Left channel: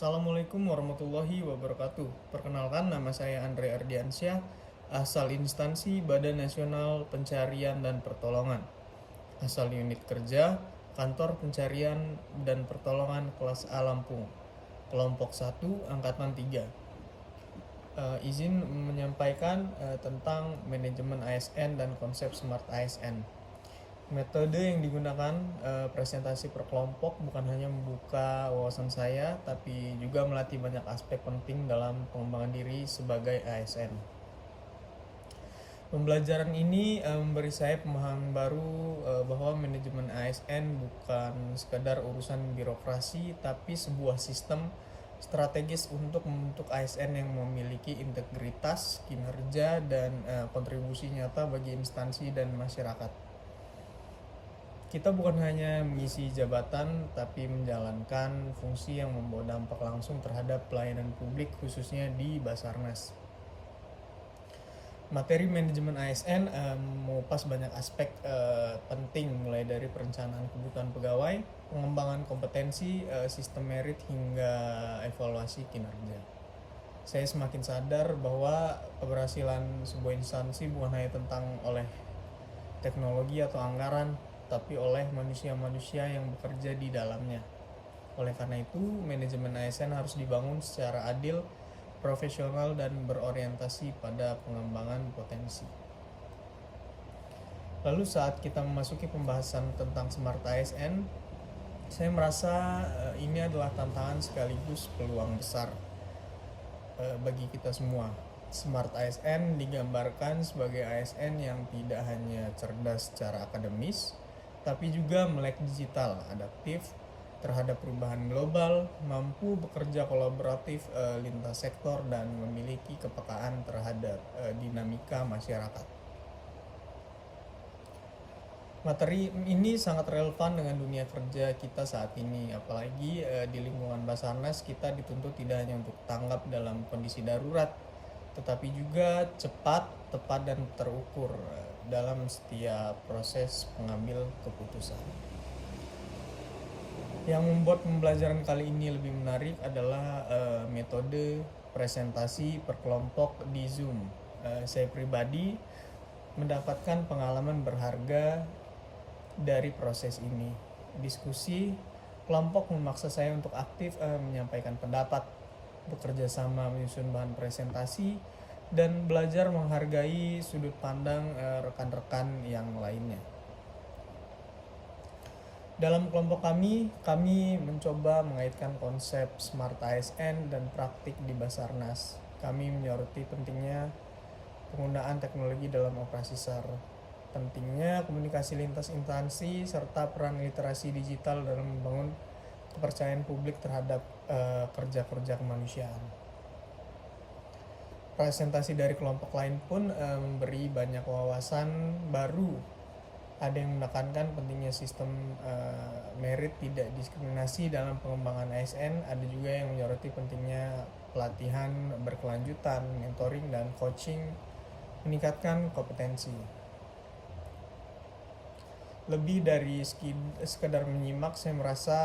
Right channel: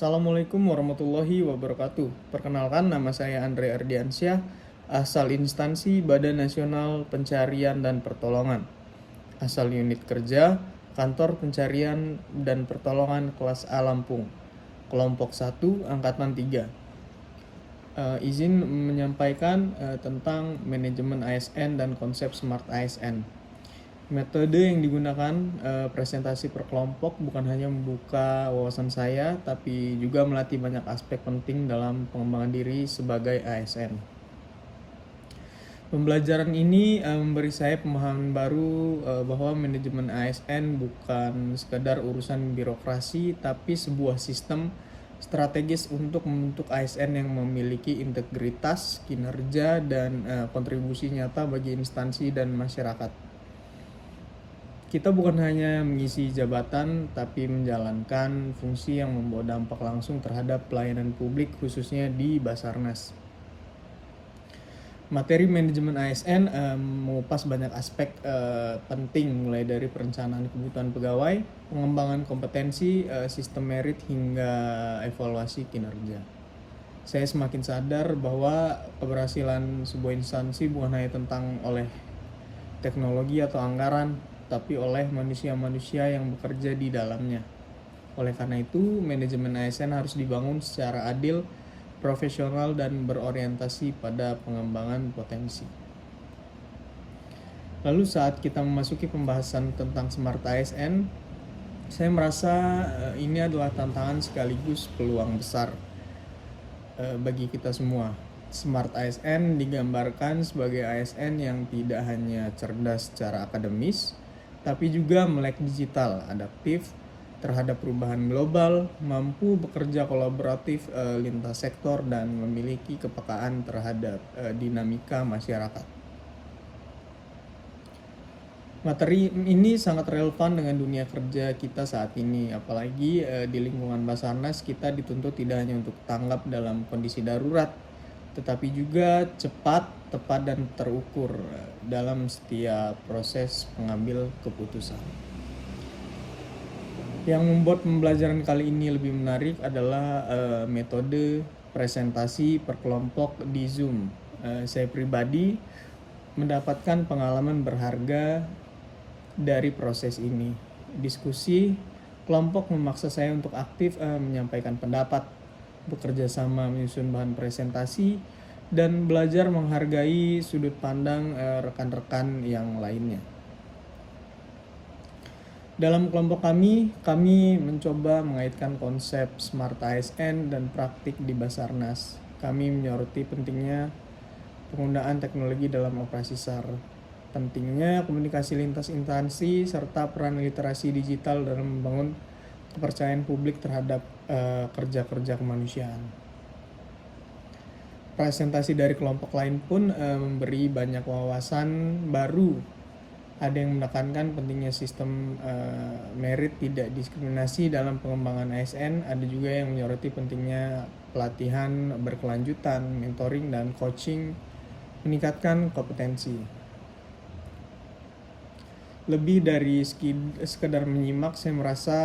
Assalamualaikum warahmatullahi wabarakatuh. Perkenalkan, nama saya Andre Ardiansyah, asal instansi Badan Nasional Pencarian dan Pertolongan. Asal unit kerja, Kantor Pencarian dan Pertolongan kelas A Lampung. Kelompok 1, Angkatan 3. Izin menyampaikan tentang manajemen ASN dan konsep Smart ASN. Metode yang digunakan presentasi per kelompok bukan hanya membuka wawasan saya, tapi juga melatih banyak aspek penting dalam pengembangan diri sebagai ASN. Pembelajaran ini memberi saya pemahaman baru bahwa manajemen ASN bukan sekadar urusan birokrasi, tapi sebuah sistem strategis untuk membentuk ASN yang memiliki integritas, kinerja, dan kontribusi nyata bagi instansi dan masyarakat. Kita bukan hanya mengisi jabatan, tapi menjalankan fungsi yang membawa dampak langsung terhadap pelayanan publik, khususnya di Basarnas. Materi manajemen ASN mengupas banyak aspek penting, mulai dari perencanaan kebutuhan pegawai, pengembangan kompetensi, sistem merit, hingga evaluasi kinerja. Saya semakin sadar bahwa keberhasilan sebuah instansi bukan hanya tentang oleh teknologi atau anggaran, tapi oleh manusia-manusia yang bekerja di dalamnya. Oleh karena itu, manajemen ASN harus dibangun secara adil, profesional, dan berorientasi pada pengembangan potensi. Lalu saat kita memasuki pembahasan tentang Smart ASN, saya merasa ini adalah tantangan sekaligus peluang besar bagi kita semua. Smart ASN digambarkan sebagai ASN yang tidak hanya cerdas secara akademis, tapi juga melek digital, adaptif terhadap perubahan global, mampu bekerja kolaboratif lintas sektor, dan memiliki kepekaan terhadap dinamika masyarakat. Materi ini sangat relevan dengan dunia kerja kita saat ini, apalagi di lingkungan Basarnas kita dituntut tidak hanya untuk tanggap dalam kondisi darurat, tetapi juga cepat, tepat, dan terukur dalam setiap proses pengambil keputusan. Yang membuat pembelajaran kali ini lebih menarik adalah metode presentasi per kelompok di Zoom. Saya pribadi mendapatkan pengalaman berharga dari proses ini. Diskusi kelompok memaksa saya untuk aktif menyampaikan pendapat, bekerja sama menyusun bahan presentasi, dan belajar menghargai sudut pandang rekan-rekan yang lainnya. Dalam kelompok kami mencoba mengaitkan konsep Smart ASN dan praktik di Basarnas. Kami menyoroti pentingnya penggunaan teknologi dalam operasi SAR, pentingnya komunikasi lintas instansi, serta peran literasi digital dalam membangun kepercayaan publik terhadap kerja-kerja kemanusiaan. Presentasi dari kelompok lain pun memberi banyak wawasan baru. Ada yang menekankan pentingnya sistem merit tidak diskriminasi dalam pengembangan ASN. Ada juga yang menyoroti pentingnya pelatihan berkelanjutan, mentoring, dan coaching meningkatkan kompetensi. Lebih dari sekedar menyimak, saya merasa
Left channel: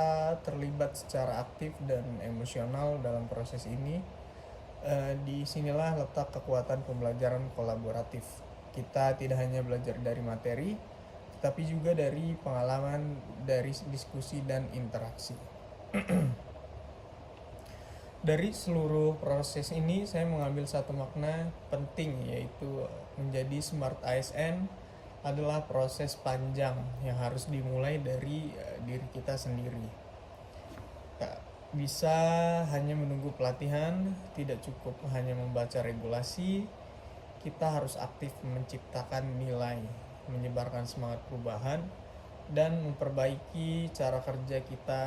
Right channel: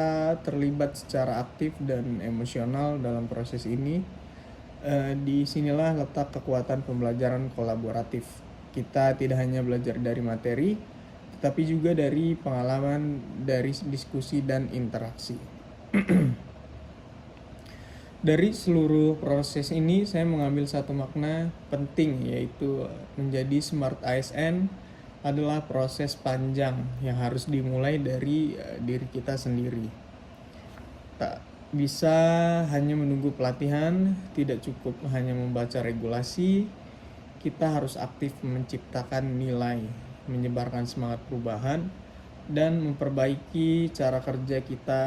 terlibat secara aktif dan emosional dalam proses ini. Disinilah letak kekuatan pembelajaran kolaboratif. Kita tidak hanya belajar dari materi, tetapi juga dari pengalaman, dari diskusi dan interaksi. Dari seluruh proses ini, saya mengambil satu makna penting, yaitu menjadi Smart ASN adalah proses panjang yang harus dimulai dari diri kita sendiri. Tak bisa hanya menunggu pelatihan, tidak cukup hanya membaca regulasi. Kita harus aktif menciptakan nilai, menyebarkan semangat perubahan, dan memperbaiki cara kerja kita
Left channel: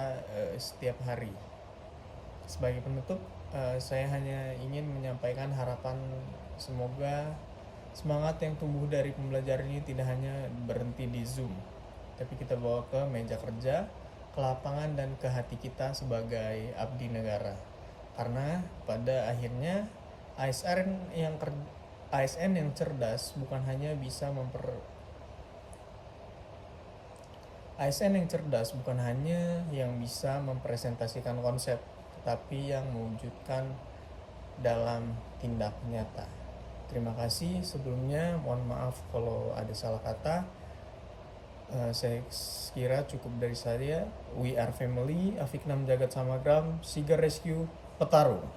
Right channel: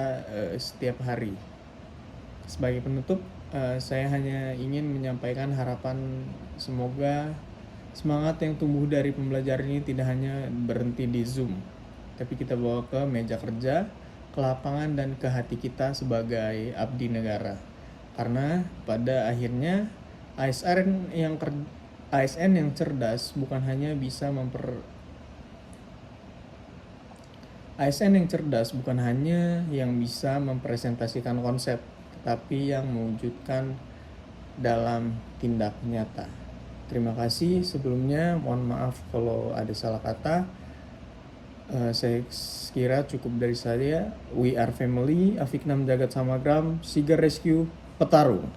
setiap hari. Sebagai penutup, saya hanya ingin menyampaikan harapan semoga semangat yang tumbuh dari pembelajaran ini tidak hanya berhenti di Zoom, tapi kita bawa ke meja kerja, ke lapangan, dan ke hati kita sebagai abdi negara. Karena pada akhirnya ASN yang cerdas bukan hanya bisa ASN yang cerdas bukan hanya yang bisa mempresentasikan konsep, tapi yang mewujudkan dalam tindak nyata. Terima kasih sebelumnya, mohon maaf kalau ada salah kata. Saya kira cukup dari saya. We are family, Afiknam Jagat Samagram, Sigar Rescue, Petarung.